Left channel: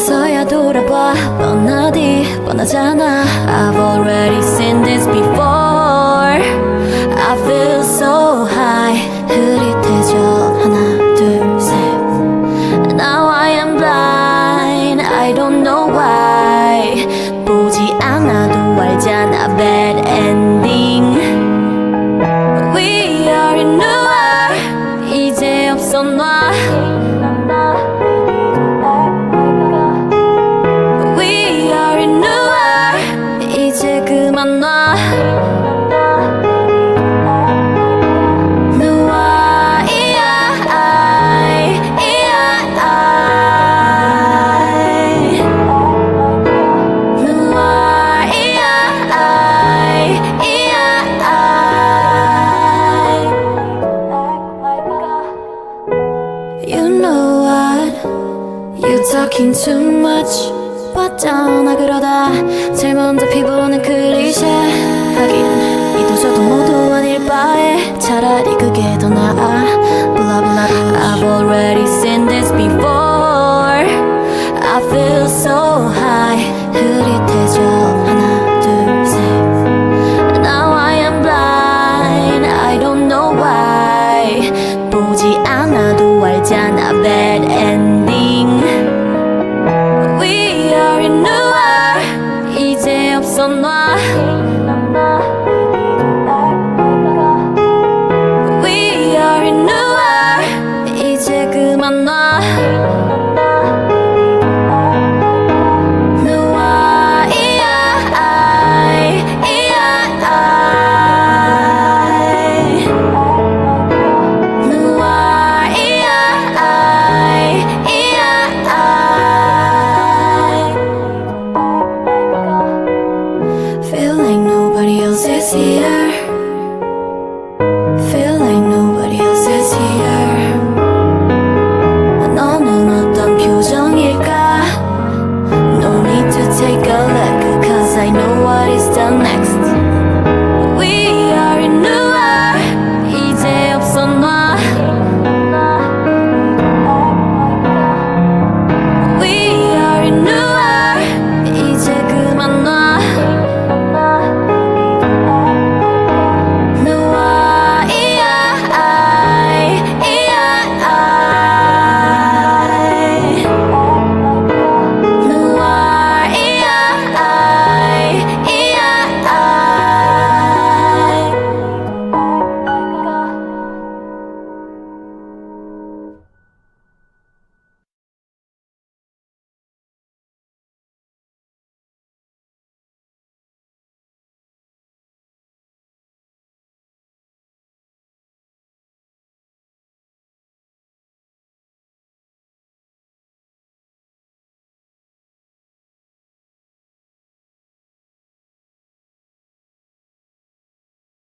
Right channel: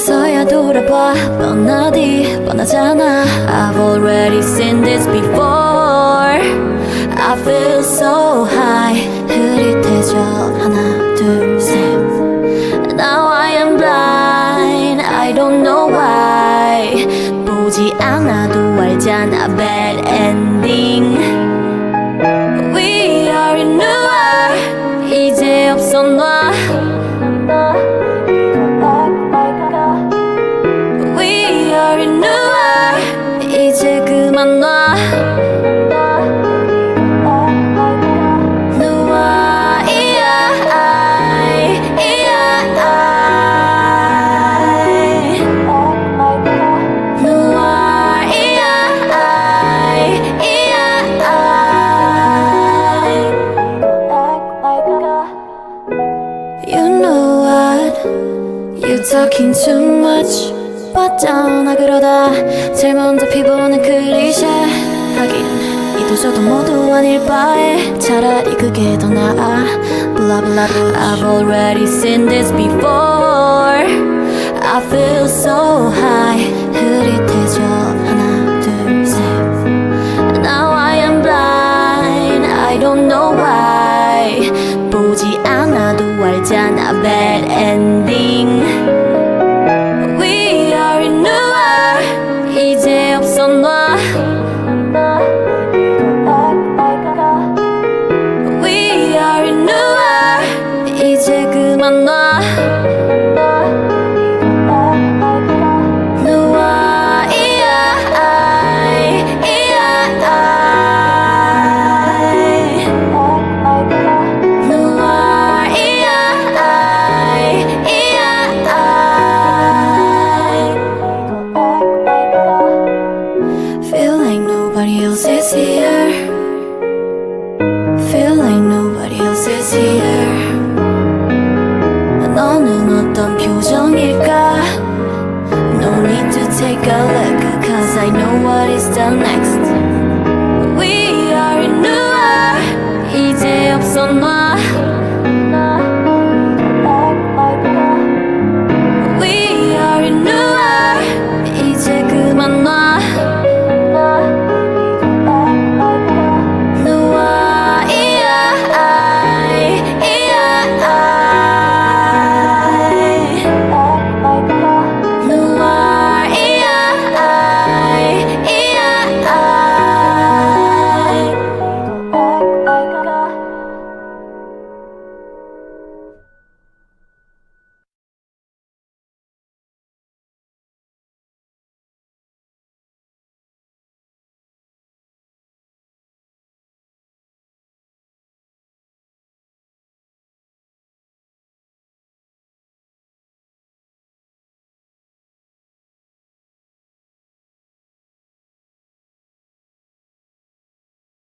그래서야 돌아봐 뻔하디 뻔하잖아 I've already seen this before I feel so high 흐릿해져 하나 둘 셋 Now I am blind I don't know why 보지 않아도 알잖아 bad ending We are in noir 이제 없어 noir We are in noir 이제 그만 놔 noir You know what You talking too much 봤잖아 그러다 제일 먼저 피부는 클리셰 하긴 이 도저도 모두 아닐 바에 차라리 그게 더 나아 Blah blah blah I've already seen this before I feel so high 흐릿해져 하나 둘 셋 Now I am blind I don't know why 보지 않아도 알잖아 bad ending We are in noir 이제 없어 noir We are in noir 이제 그만 놔 noir Feel like nobody else is here Feel like nobody else is here 너는 어떤 표정일까 No need to take a look Cause I know what is the next We are in noir 이제 없어 noir We are in